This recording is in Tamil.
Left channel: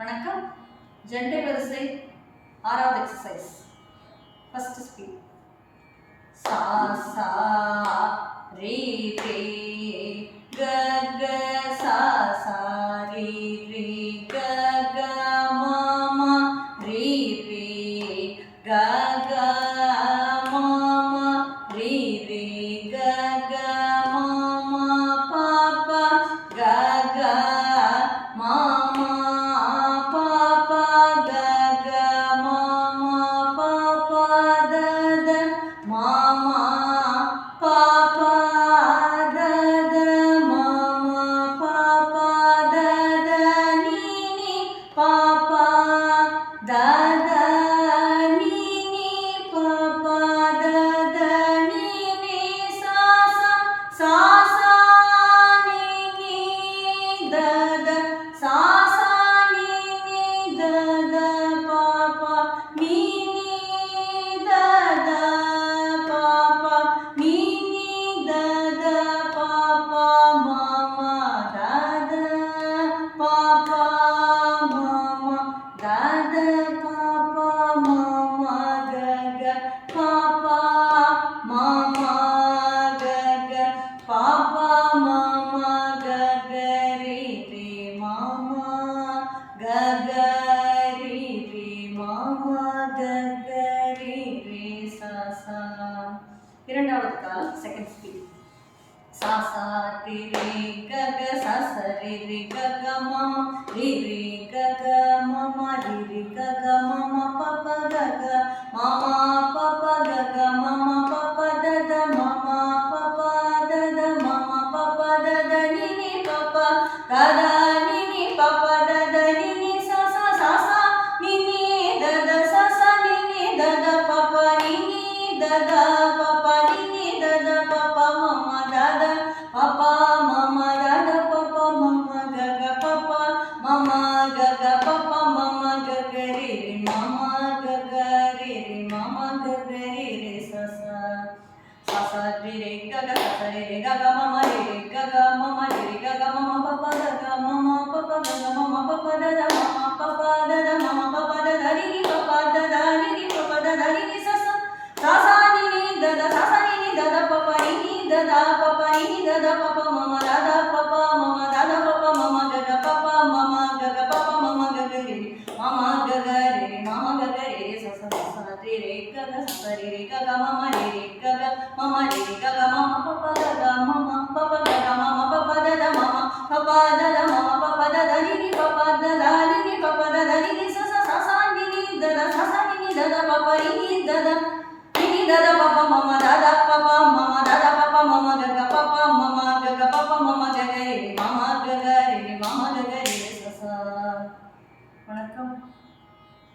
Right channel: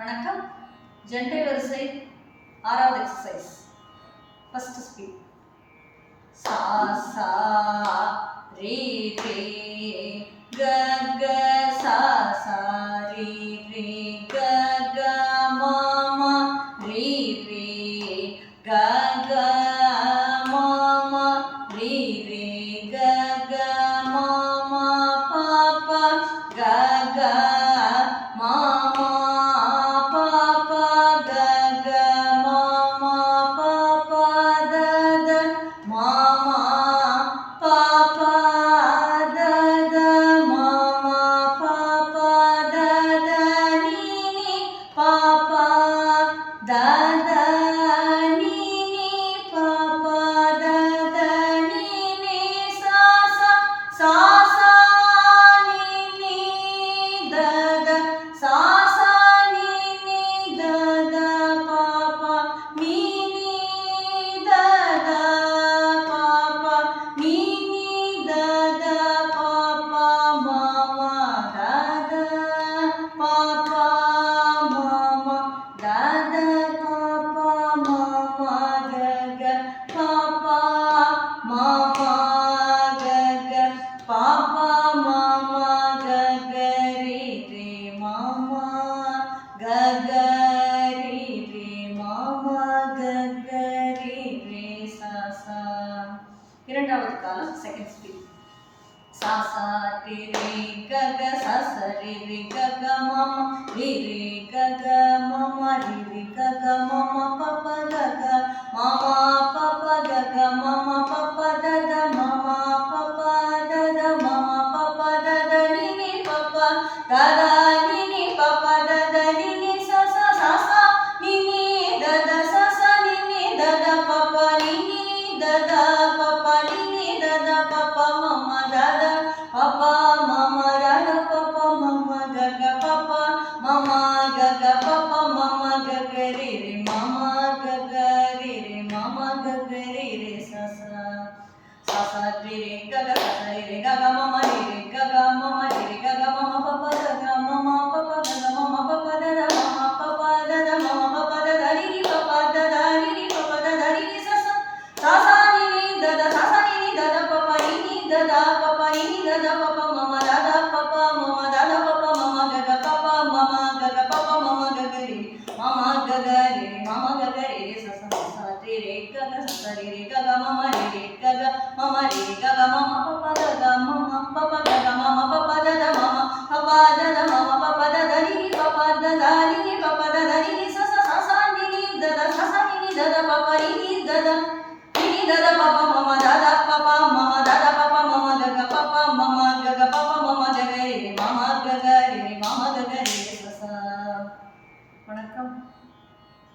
வணக்கம். ஜெண்டை வரிசை ஆறாவது எக்ஸசைஸ். First speed. சா சா ரே ரே க க சா சா ரே ரே க க மா மா ரே ரே க க மா மா ரே ரே க க மா மா பா பா க க மா மா இரண்டாவது காலம் செகண்ட் ஸ்பீட். சா சா ரி ரி க க சா சா ரி ரி க க ம ம ரி ரி க க ம ம ரி ரி க க ம ம ப ப க க ம ம ப ப க க ம ம ப ப த த ம ம ப ப த த ம ம ப ப த த ni ni ப ப த த ni ni ப ப த த ni ni சா சா சா சா ni ni த த சா சா ni ni த த ப ப ni ni த த ப ப ni ni த த ப ப ம ம த த ப ப ம ம த த ப ப ம ம க க ப ப ம ம க க ப ப ம ம க க ரி ரி ம ம க க ரி ரி ம ம க க ரி ரி சா சா சா சா ரி ரி க க சா சா ரி ரி க க ம ம ரி ரி க க ம ம ரி ரி க க ம ம ப ப க க ம ம ப ப க க ம ம ப ப த த ம ம ப ப த த ம ம ப ப த த ரி ரி ப ப த த ரி ரி ப ப த த ரி ரி சா சா சா சா ni ni த த சா சா ni ni த த ப ப ni ni த த ப ப ni ni த த ப ப ம ம த த ப ப ம ம த த ப ப ம ம க க ப ப ம ம க க ப ப ம ம க க ரி ம ம க க ரி ம ம க க ரி சா சா சா ரி ரி க க சா சா ரி ரி க க ம ம ரி ரி க க ம ம ரி ரி க க ம ம ப ப த த ம ம ப ப க க ம ம ப ப த த ம ம ப ப த த ம ம ப ப த த ரி ரி ப ப த த ரி ரி ப ப த த ரி ரி சா சா சா சா ni ni த த சா சா ni ni த த ப ப ரி ni த த da da pa pa mama da da pa pa mama da da pa pa mama ga ga pa pa mama ga ga pa pa mama ga ga ri mama ga ga ri mama ga ga ri sa sa. வணக்கம்.